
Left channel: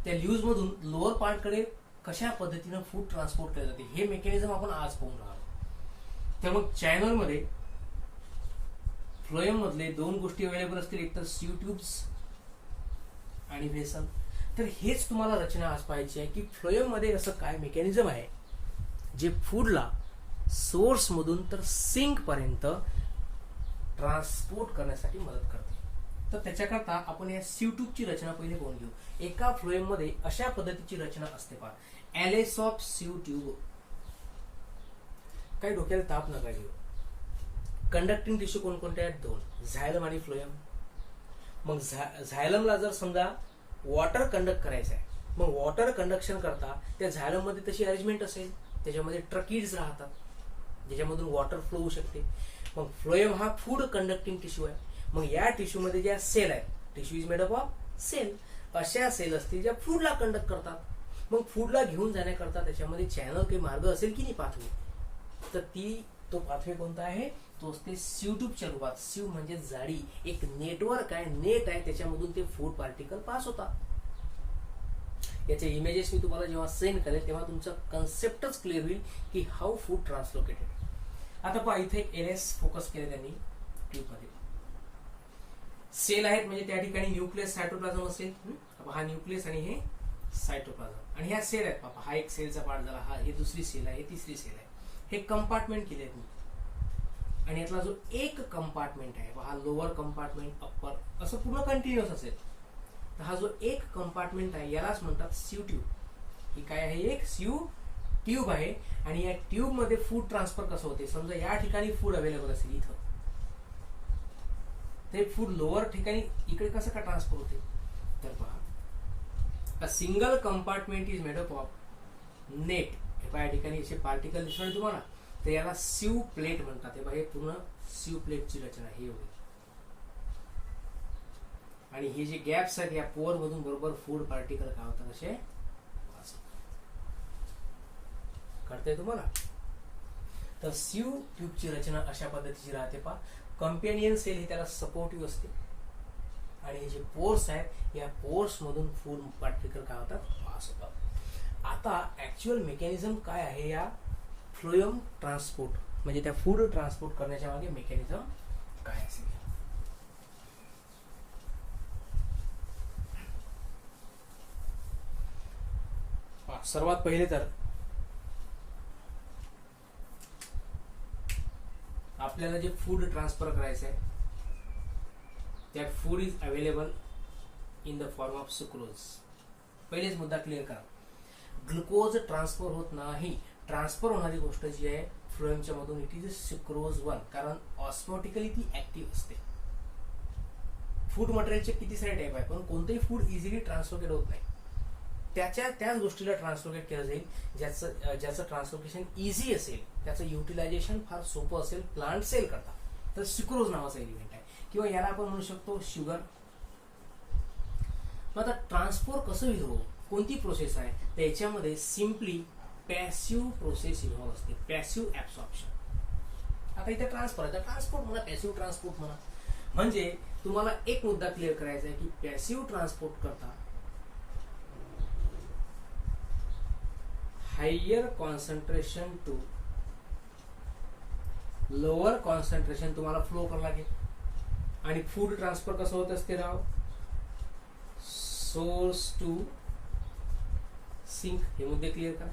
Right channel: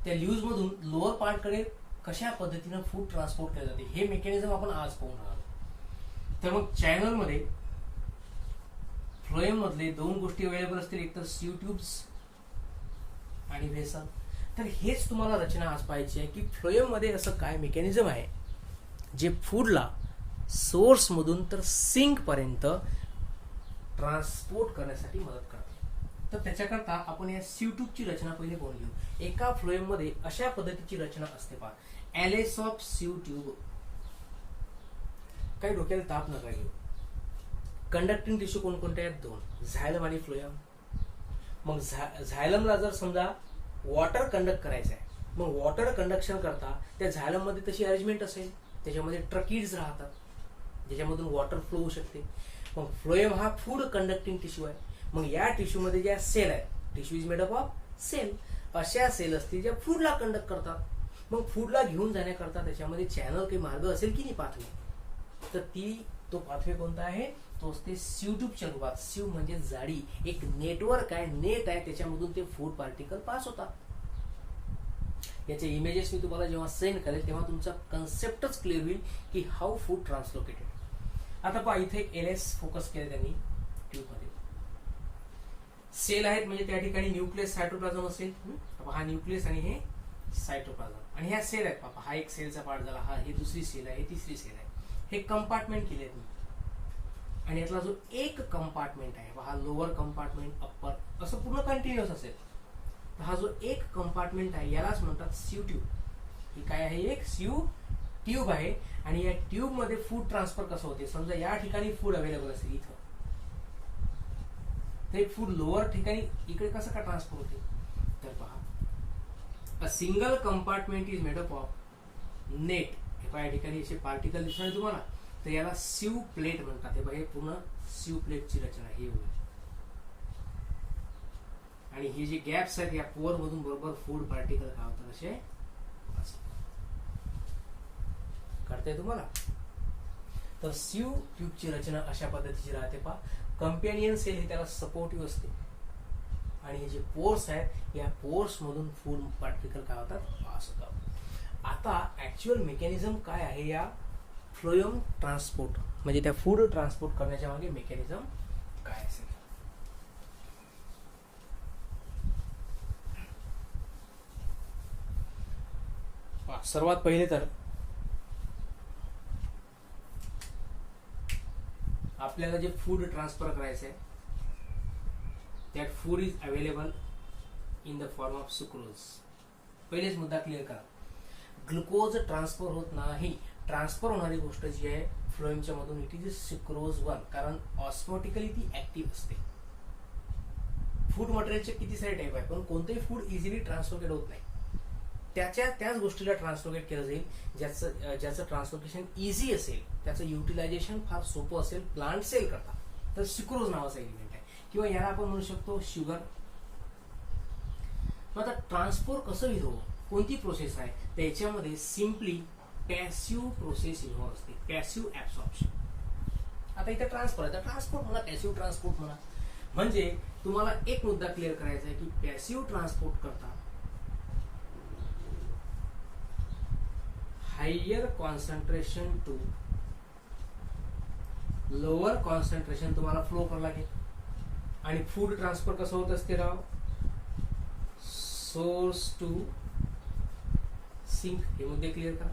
त्या ल्यूज मधून लोअर पार्ट कडे कशा पद्धतीनं फूड ट्रान्सपोर्ट केलं जाते हे मेकॅनिझम आपण आज पाहून राहिलो. तर मग चॅनल मध्ये फ्लोएम मधले 2 गोष्टी अवेलेबल असतील, एक तर सीव ट्यूब्स आणि वेसल. तर हेच तुम्हाला रचना आज पाहायची आहे की फ्लोएम मध्ये असं काय मेकॅनिझम आहे जे फूडला सोर्स मधून तर सिंक पर्यंत ट्रान्सपोर्ट करण्यासाठी मदत करते. तर त्याच्याकरता आपण या सीव ट्यूबची रचना पहिले पाहून घेऊ. एका फ्लोएम मध्ये अशा पद्धतीची रचना असते पहा, ॲलेस ऑफ सीव ट्यूब. काही डोक्याला ताप नका घेऊ. कंडक्टिंग टिश्यू कोणकोणते आहेत, 2, झायलम आणि फ्लोएम. मग झायलमला जर समजा वॉटर कंडक्ट करायचं आहे, मग वॉटर कंडक्शन करता त्या झायलम मध्ये तशी अरेंजमेंट असेल, त्याच्यामध्ये ट्रकीड्स राहतात ज्याच्यामधून वॉटर फ्लो होऊ शकते. मग फ्लोएम हा फूड कंडक्टिंग टिश्यू आहे. मग या टिश्यू मध्ये ज्या सेल आहे, tissue is made up of cell, अशा सेल असतील ज्या फूडला कंडक्ट करतात. मग फूडला घेऊन जाण्याकरता त्याच्यामध्ये चॅनल काही मार्ग असेल की नाही पाथवे, तर तो पाथवे कोणता आहे, तो असते सीव ट्यूबच्या रूपात. सीव म्हणजे जाळी, एक नेटवर्क आहे, नेट आहे, त्याच्यामधून ते फूड पार्टिकल पास होतात. याचे इमेजेस मी तुम्हाला जेव्हा सेंड करेल तेव्हा तुमचा कन्सेप्टच क्लिअर होईल की हाऊ फूड ट्रान्सलोकेटेड. आता पहा, इथे एक एलएस फोकस केले त्यांनी ट्यूबमध्ये. सेल आहेत म्हणजे त्या ठिकाणी न्यूक्लियस सायटोप्लाझम असेल. हा न्यूक्लियस आणि हे सायटोप्लाझम, आणि ह्या सेल आहेत. पापा हा एक सेलचा पार्ट झाला, हा हे दुसरी सेल आहे, तिसरी सेल आहे. हे कंपार्टमेंट केले आहेत मी. आणि यातला जो एक कंपार्टमेंट आहे, हा लोअर कंपार्टमेंट, अप्पर, असं पूर्ण कंटिन्युअस असेल. तर हा जो एक कंपार्टमेंट आहे यालाच म्हणतात सीव ट्यूब. ही काय आहे, एक सीव ट्यूब आहे. आणि या ट्यूब मध्ये फूड ट्रान्सफर कसं होते, समजा या ठिकाणी फूड अवेलेबल असेल, इथं ते फूड लोअर ठिकाणी इकडे कसं का ट्रान्सफर होते, तर पहा a single compartment is made up of net. या ठिकाणी असे पार्टिकल दिसणार तुम्हाला, तर याला सीव प्लेट म्हणतात. हे पूर्ण सीव प्लेटची रचना हे होईल. आणि हे जे गॅप्स आहेत या पोअर मधून बरोबर फूड पार्टिकल काय होतात असे कळतंय तुम्हाला. तर सीव ट्यूबची रचना अशा पद्धतीची राहते. पहा, कंपॅनियन सेल हे त्याला सपोर्टिव्ह असते आणि हे जे पोर्स आहेत या पोर्स मधून फूड पार्टिकल काय होतात पास होतात. आता ऍक्च्युअल मेकॅनिझम काय आहे या फ्लोएम ट्रान्सपोर्ट म्हणजे त्या फूड ट्रान्सपोर्ट करण्याच्या मागे मेकॅनिझम काय असेल. सर्वात पहिले तर आपल्याला जे फूड ट्रान्सफर करायचं आहे that food is available in the form of sucrose. पहिलेच मुद्दा क्लिअर करा, ग्लुकोज ट्रान्सफर होत नाही. ट्रान्सफर होणारी गोष्ट जी आहे फ्लोएमच्या मधून इट इज सुक्रोज 1, कारण ऑस्मोटिकली ती ऍक्टिव्ह असते. फूड मटेरियलचे किती सारे टाईप आहे, पण कोणतेही फूड इझिली ट्रान्सलोकेट होत नाही. त्याच गोष्टीला ट्रान्सलोकेट केलं जाईल ज्याचं ट्रान्सलोकेशन इझी असेल, त्याचं युटिलायझेशन फार सोपं असेल प्लांट सेल करता. तर सुक्रोज नावाचा एलिमेंट आहे किंवा याला आपण म्हणू शकतो शुगर. मग आता ट्रान्सपोर्ट कसं होईल, कोणती प्रोसेस आहे, तर याच्यामध्ये सिम्पली पॅसिव्ह प्रोसेस इन्व्हॉल्व असते, पॅसिव्ह ऍब्सॉर्प्शन. आता इथे ट्रान्सपोर्ट म्हणा, पॅसिव्ह ट्रान्सपोर्ट म्हणा. म्हणजे तुम्हाला एक मुद्दा क्लिअर करायचा आहे की पॅसिव्ह ट्रान्सपोर्ट करता higher concentration to lower concentration तुम्हाला फ्लो करावं लागेल. आणि फूड ट्रान्सफर कसं होत असते राव, सोर्स टू सिंक. हे मुद्दे क्लिअर करा.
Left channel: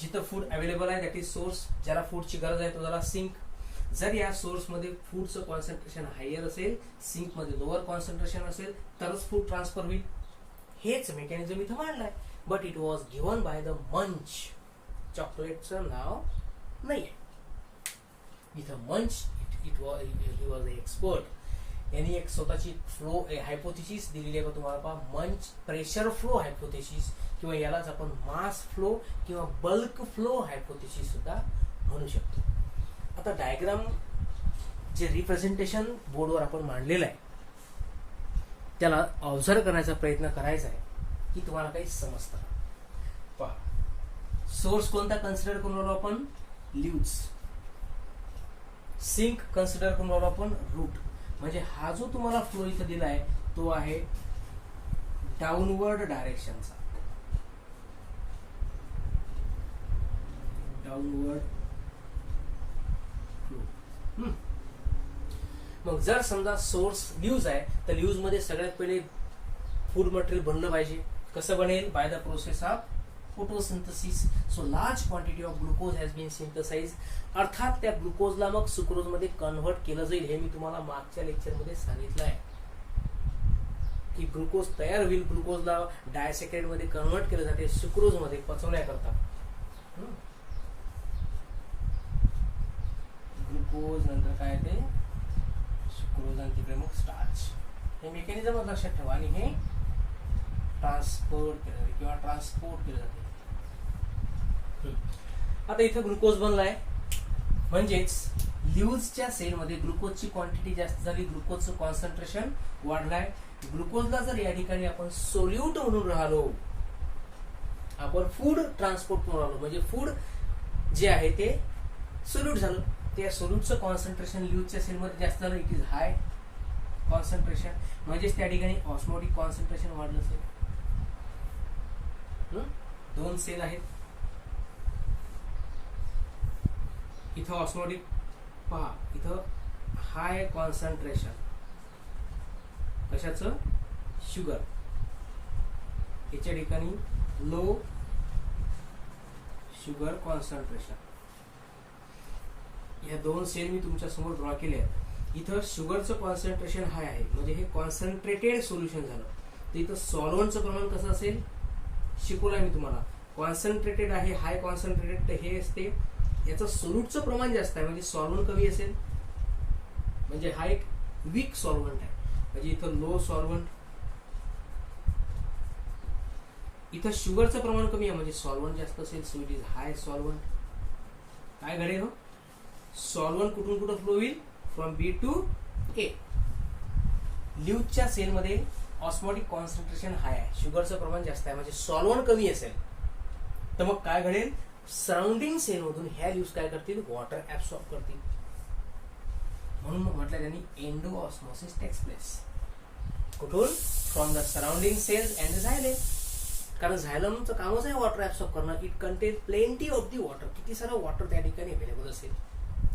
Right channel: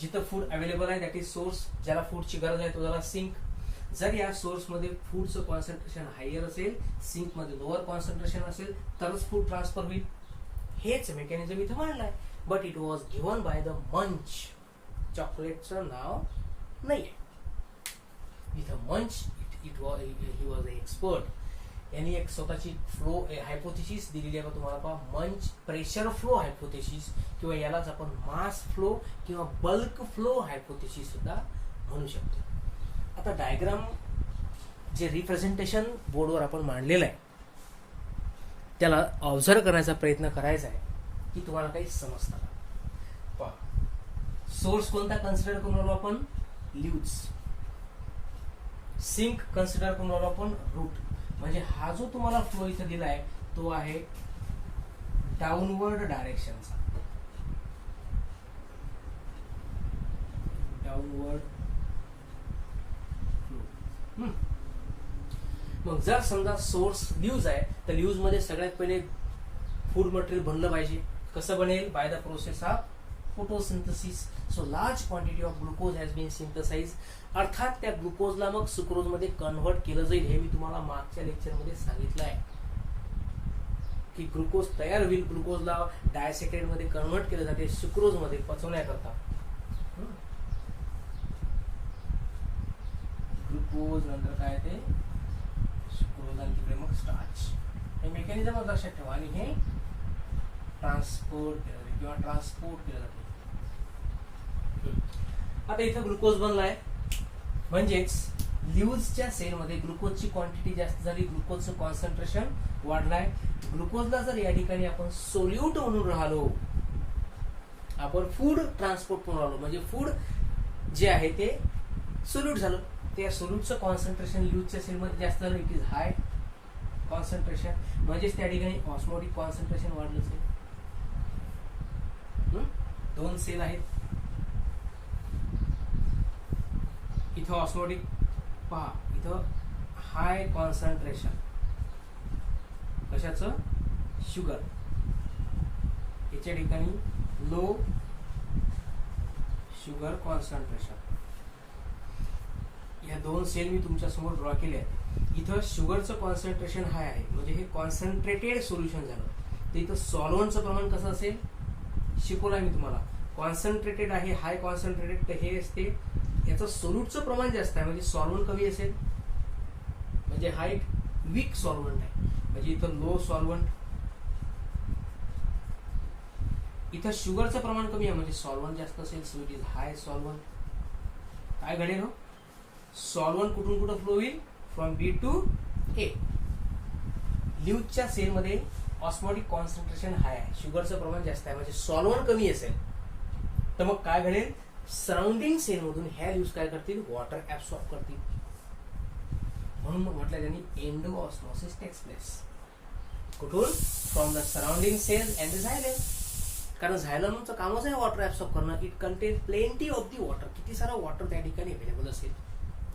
जिथं फूड अवेलेबल आहे दॅट इज सोर्स, ज्याला फूडची गरज आहे तो झाला सिंक. जर या सोर्स मध्ये फूडचं कॉन्सन्ट्रेशन हायर असेल, सिंक मध्ये लोअर कॉन्सन्ट्रेशन असेल, तरच फूड ट्रान्सफर होईल. हेच मेकॅनिझम इथं मांडलंय. But it was given by the Munch. चॉकलेटचं नाव नाही इथं. मंच ही वॉज एक्सपर्ट. यांनी एक स्वतःची फ्लो हायपोथेसिस दिलेली आहे तुम्हाला. पहा, मंच प्रेशर फ्लो हायपोथेसिस किंवा यालाच आपण मास फ्लो किंवा बल्क फ्लो हायपोथेसिस सुद्धा म्हणू शकतो. आता डायग्राम जे रिप्रेझेंटेशन बोर्डवर आपण मांडलेलं आहे त्याला ऑब्झर्व करण्याचा प्रयत्न करायचा आहे की तुम्हाला काही समजतं. पहा, सोर्स कोणता कन्सिडर करून राहिलो आपण, लीव्ज. सिंक कन्सिडर करून राहिलो आपण, रूट. म्हणजे हा जो तुम्हाला फ्लो इथं दिला आहे तो आहे डाऊनवर्ड डायरेक्शनचा. Downward flow. मग जर समजा सोर्स लीव्ज आहे तर लीव्ज मध्ये सगळ्यात पहिले फूड मटेरियल बनलं पाहिजे. कसं बनेल, by the process of photosynthesis. So large quantity of glucose has been synthesize. अर्थात त्या ग्लुकोजला मग सुक्रोज मध्ये कन्व्हर्ट केलं जाईल. हे मी तुम्हाला मागच्या लेक्चर मध्ये सांगितलं आहे की ग्लुकोज तयार होईल, ग्लुकोजला डायसॅकराइड मध्ये कन्व्हर्ट केलं जाते सुक्रोज मध्ये पचवण्याकरता. ग्लुकोज नंतर काय ते सुक्रोज आणि तिकडे मग स्टार्च. हे मेकॅनिझम लक्षात ठेवा. आणि हे ट्रान्सपोर्ट केलं जाते किंवा ट्रान्सपोर्ट केलं जाते. आता इथं ग्लुकोज बनलाय म्हणजेच लीव्जच्या सेलमध्ये ग्लुकोजची क्वांटिटी जास्त झाली, ग्लुकोजचं कॉन्सन्ट्रेशन वाढलाय. ग्लुकोजला जर या ठिकाणी आपण सोल्यूट म्हणून राहिलो, आपण फूड ट्रान्सपोर्ट म्हणून राहिलो म्हणजे फूड जे आहे ते सोल्यूट झालं. त्या सोल्यूटचं कॉन्सन्ट्रेशन लीव्जच्या सेलमध्ये जास्त झालं, इट इज हाय कॉन्सन्ट्रेशन. म्हणजेच त्या ठिकाणी ऑस्मोटिक कॉन्सन्ट्रेशन वाढलं असेल. दोन सेल आहेत इथं ऑस्मोटिक. पहा, इथं हाय कॉन्सन्ट्रेशन कशाचं, शुगर. याच्या ठिकाणी लो शुगर कॉन्सन्ट्रेशन. या दोन सेल मी तुमच्या समोर ड्रॉ केले आहेत. इथं शुगरचं कॉन्सन्ट्रेशन हाय आहे म्हणजे हे कॉन्सन्ट्रेटेड सोल्युशन झालं. तर इथं सॉल्व्हंटचं प्रमाण कसं असेल शिकवलं आहे मी तुम्हाला. कॉन्सन्ट्रेटेड आहे, हाय कॉन्सन्ट्रेटेड, तर हे असते याचं सोल्यूटचं प्रमाण जास्त आहे म्हणजे सॉल्व्हंट कमी असेल म्हणजे हा एक वीक सॉल्व्हंट आहे. म्हणजे इथं लो सॉल्व्हंट इथं शुगरचं प्रमाण कमी आहे म्हणजे सॉल्व्हंट जास्त असेल, so it is hi solvent. काय घडेल हो, सॉल्व्हंट कुठून कुठं फ्लो होईल, फ्रॉम बी टू ए. ल्यूजच्या सेलमध्ये ऑस्मोटिक कॉन्सन्ट्रेशन हाय आहे, शुगरचं प्रमाण जास्त आहे म्हणजे सॉल्व्हंट कमी असेल, तर मग काय घडेल, सराउंडिंग सेलमधून ह्या ल्यूज काय करतील, वॉटर ऍब्सॉर्ब करतील. म्हणून म्हटलं त्यांनी एंडो ऑस्मोसिस टेक्स प्लेस. कुठून, from the surrounding cells and the xylem. कारण झायलमचं कामच आहे वॉटर ऍब्सॉर्ब करणं. It contain plenty of the water, किती सारा वॉटर त्या ठिकाणी अवेलेबल असेल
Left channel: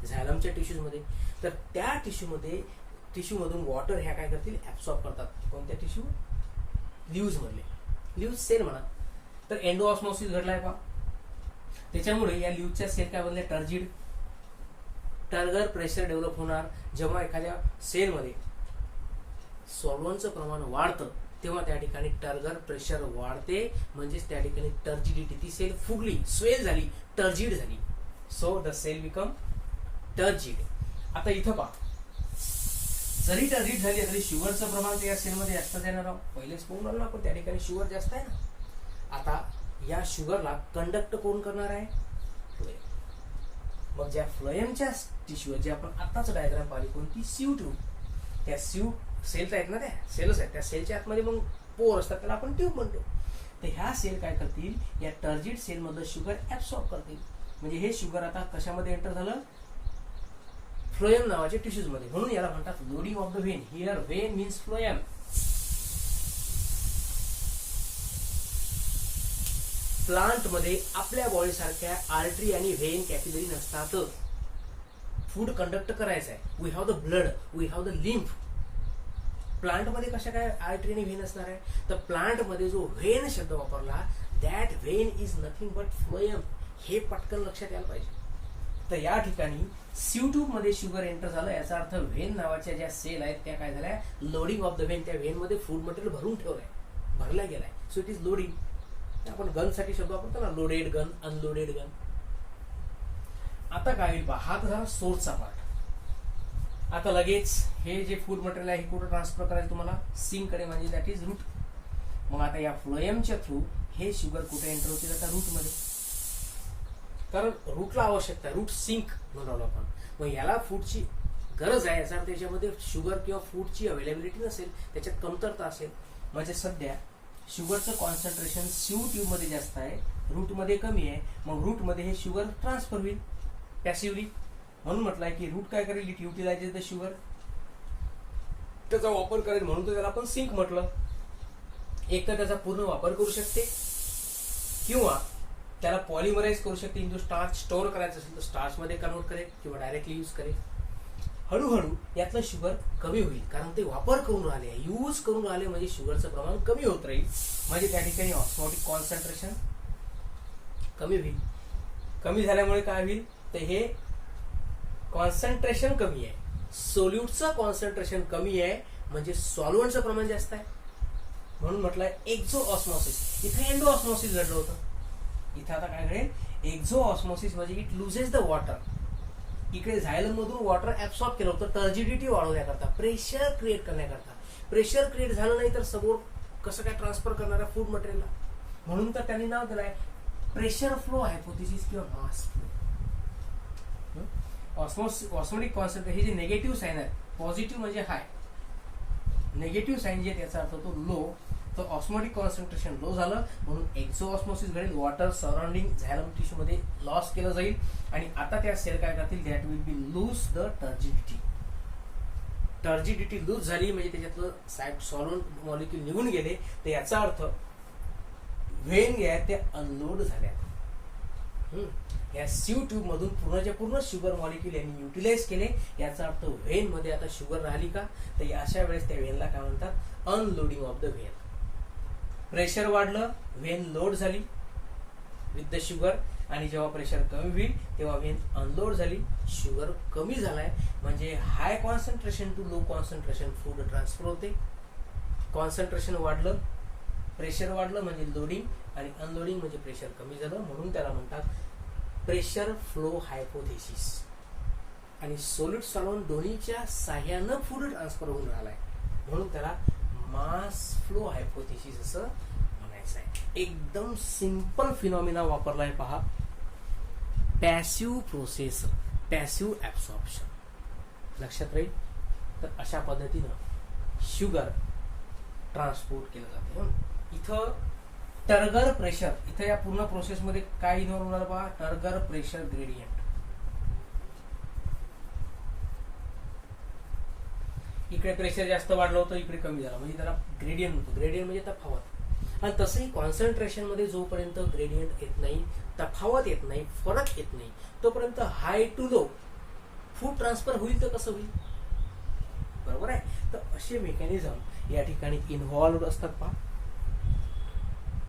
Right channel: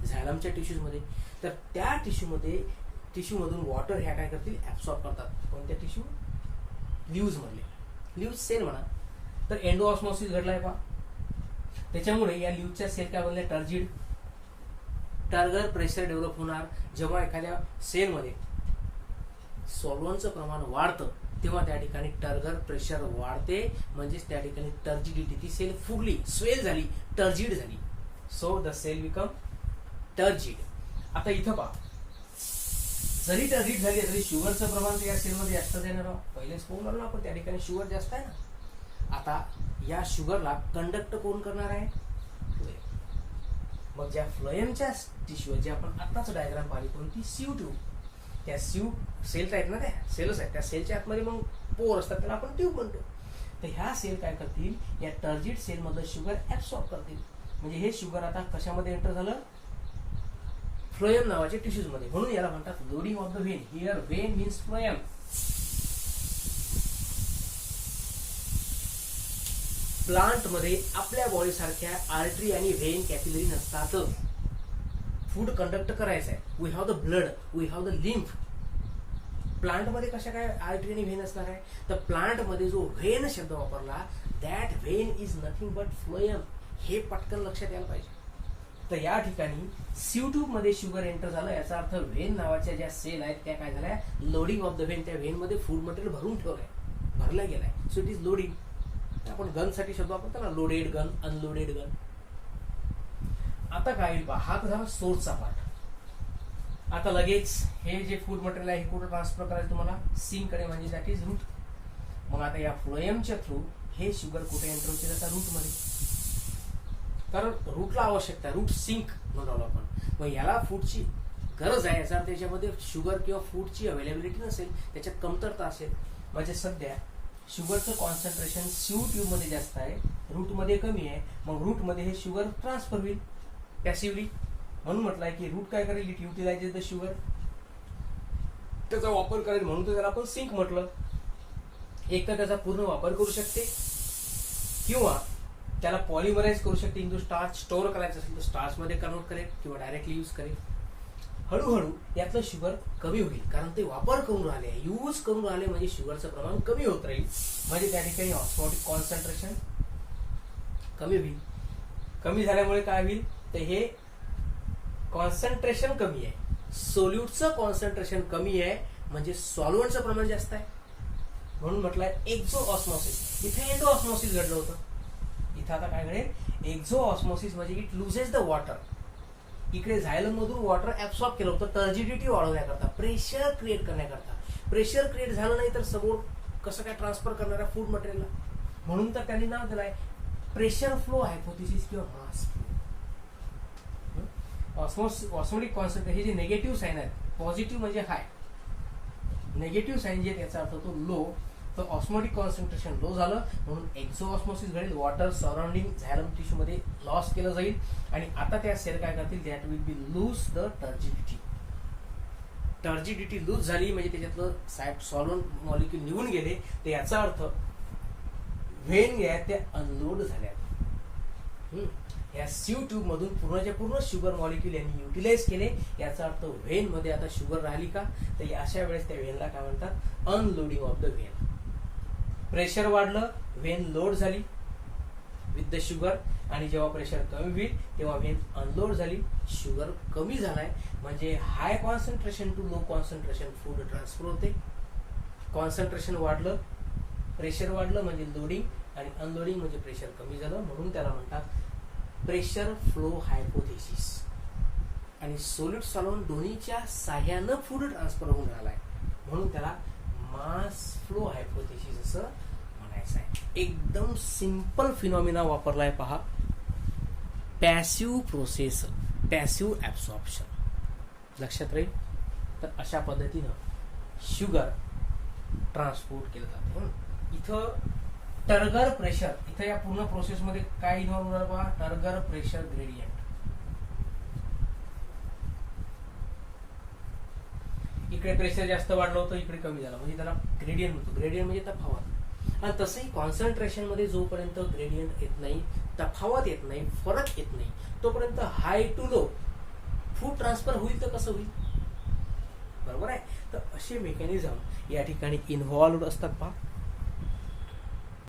झायलमच्या टिश्यूज मध्ये. तर त्या टिश्यू मधून वॉटर ह्या काय करतील, ऍब्सॉर्ब करतात. कोणत्या टिश्यू, ल्यूज मधले, ल्यूज सेल म्हणा. तर एंडो ऑस्मोसिस घडलाय का, त्याच्यामुळे या ल्यूजच्या सेल काय बनले, टर्जिड. टर्गर प्रेशर डेव्हलप होणार जेव्हा एखाद्या सेलमध्ये सॉल्व्हंटचं प्रमाण वाढतं, तेव्हा त्या ठिकाणी टर्गर प्रेशर वाढते, म्हणजेच त्या ठिकाणी टर्जिडिटी, ती सेल फुगली, स्वेल झाली, टर्जिड झाली. So the cell become turgid. आता इथं पहा, जरी टर्जिड झाली तरी शुगरचं प्रमाण या सेलमध्ये जास्त देणार आहोत. पहिलेच पाहून आलो ना आपण, त्या ठिकाणी शुगर जास्त आहे ना. आता या शुगरला कंडक्ट कोण करणार आहे, फ्लोएम. मग ज्या फ्लोएमच्या टिश्यू जे आपण आताच डायग्राम पाहिली, कोणती, सीयू ट्यूब. त्या सीयू सेल्स आहेत ना, त्या सेल्स आहेत, त्या सेलच्या आतमध्ये मग पोर असतात, त्याला आपण ट्यूब म्हणतो. तर ह्या सेल काय करतील, या टर्जिड सेल मधलं शुगर ऍब्सॉर्ब करतील. म्हणजे हे शुगर आता कशामध्ये एंटर झालं, फ्लोएम नावाच्या टिश्यूज मध्ये. म्हणून याला म्हणतात loading of the vein. Here vein means phloem. Plant मध्ये आपल्या बॉडी सारख्या आर्टरी आणि व्हेन कॅपिलरी नसतात. फूड कंडक्ट करायचं आहे, we have the blood, we have the lymph. Plant मध्ये कशा काय आर्टरी आणि व्हेन असणार आहे, तर प्लांट मध्ये जो व्हेन शब्द वापरला, that when is nothing but phloem. हे पटकन लक्षात यायला पाहिजे. तर या ठिकाणी सीयू ट्यूब मध्ये शुगर एंटर झालं, याचा अर्थ व्हेन नावाच्या ज्या सेल आहेत त्या काय झाल्या, लोडिंग ऑफ द व्हेन. त्या व्हेन मध्ये फूड मटेरियल भरून ठेवलंय, भरला गेलाय, सो इट इज लोडिंग. आपण गन साठी शब्द वापरतो ना, लोडेड गन, अनलोडेड गन. आता काय होईल पहा, हा तर झाला सोर्सचा पार्ट. आता लगेच हे जे फूड मटेरियल आहे हे कुठं ट्रान्सफर करायचं तुम्हाला, सिंक कडे, म्हणजे दॅट इज रूट. मग आता या फ्लोएमच्या थ्रू हे शुगर कुठे एंटर होते, आता रूट मध्ये. कारण रूटला आवश्यकता, रूट सिंक म्हणून आपण. मग याला फूडची गरज आहे, याचा त्याच्यामध्ये शुगर किंवा फूडची अवेलेबिलिटी नसेल, त्याच्यात कमतरता असेल. म्हणजे सध्या शुगरचं कॉन्सन्ट्रेशन सीयू ट्यूब मध्ये जास्त आहे, रूट मध्ये कमी आहे. मग रूट मध्ये हे शुगर ट्रान्सफर होईल पॅसिव्हली. म्हणून म्हटलंय की रूट काय करेल, इट युटिलाइजेस द शुगर, त्याचा वापर करेल. म्हणून तर त्याला आपण सिंक म्हटलं. एक तर त्याचा पूर्ण वापर करू शकते, किंवा त्याला पॉलिमराइज करू शकते. इंटू स्टार्च स्टोअर करायचं असेल तर स्टार्च मध्ये कन्वर्ट करेल, किंवा डायरेक्टली यूज करेल. हळूहळू यातलं शुगर कमी होईल, कारण ते वापर करून राहिले, यूज करून राहिले, म्हणजे शुगरचं प्रमाण कमी होत राहील. म्हणजे त्या ठिकाणी ऑस्मोटिक कॉन्सन्ट्रेशन कमी होईल. कमी झाल्यामुळे काय होईल, तर हे कॉन्सन्ट्रेशन कमी आहे, सोल्यूटचं कॉन्सन्ट्रेशन कमी आहे, म्हणजे सॉल्व्हंटचं प्रमाण जास्त आहे. म्हणून म्हटलंय एक्झो ऑस्मोसिस. इथे एंडो ऑस्मोसिस घडलं होतं, इथं आता काय घडेल, एक्झो ऑस्मोसिस म्हणजे इट लुजेस द वॉटर. इकडे झायलम मधून वॉटर ऍब्सॉर्ब केलं होतं टर्जिडिटी वाढवण्याकरता, प्रेशर क्रिएट करण्याकरता. प्रेशर क्रिएट झालं नाही तर समोर कसं काय ट्रान्सफर करणार आहे फूड मटेरियलला. म्हणून तर त्यांनी नाव दिलंय प्रेशर फ्लो हायपोथेसिस किंवा मास फ्लो. ऑस्मोटिक कॉन्सन्ट्रेशन हे जे निगेटिव्ह साईन आहेत, पॉझिटिव्ह म्हणजे हाय, निगेटिव्ह साईन जे त्याचा अर्थ होतो लो. तर ऑस्मोटिक कॉन्सन्ट्रेशन लो झालं म्हणून एक्झो ऑस्मोसिस घडेल, वॉटर सराउंडिंग झायलम टिश्यू मध्ये लॉस केलं जाईल. आणि आता त्या सेल काय करतील, that will be lose the turgidity. Turgidity lose झाली म्हणजे त्याच्यातलं साईड सॉल्व्हंट मॉलिक्यूल निघून गेले, तर याचा अर्थ व्हेन जे आहेत ते अनलोड झाल्या. या सीयू ट्यूब मधून पूर्णच्या पूर्ण शुगर मॉलिक्यूल यांनी युटिलाइज केले. याचा अर्थ व्हेन मध्ये आता शुगर राहिली का, तर अशा वेळेस त्या व्हेनला काय म्हणतात, unloading of the when. Pressure वाढलं, व्हेन लोड झाली विथ द शुगर, आणि जेव्हा प्रेशर कमी होईल तेव्हा व्हेन अनलोड झाली, शुगर कमी झालाय. म्हणजे high concentration to low concentration food transfer होते. कॉन्सन्ट्रेशन वाढलं, प्रेशर वाढलं म्हणजे लोडिंग, आणि अनलोडिंग म्हणजे प्रेशर कमी झालं. म्हणून त्याला म्हणतात प्रेशर फ्लो हायपोथेसिस. आणि सॉलिड सॉल्व्हंट दोन्हीच्या साह्यानं फूड ट्रान्सफर होऊन राहिलाय, म्हणून त्याला मास फ्लो हायपोथेसिस असं म्हणायचं. करायचा आहे. एकदम सिंपल फिनॉमिना वापरलाय पहा, पॅसिव्ह प्रोसेस, पॅसिव्ह ऍब्सॉर्प्शन. लक्षात राहील. तर अशा पद्धतीनं शुगर ट्रान्सपोर्ट केलं जाते. इथं टर्गर प्रेशर, इथं या पूर्ण प्रोसेसमध्ये काय इन्व्हॉल्व होणार पहा, टर्गर प्रेशर ग्रेडियंट. इकडे प्रेशर जास्त वाढलं होतं, इकडे कमी झालं, म्हणजे त्याला ग्रेडियंट म्हणतो. ग्रेडियंट म्हणजे तफावत. आणि तसंही कॉन्सन्ट्रेशन मध्ये जोपर्यंत ग्रेडियंट येत नाही, तफावत येत नाही, फरक येत नाही, तोपर्यंत हाय टू लो फूड ट्रान्सफर होईल तर कसं होईल? बरोबर आहे. तर असे मेकॅनिझम या ठिकाणी इन्व्हॉल्व्ड असतात पहा.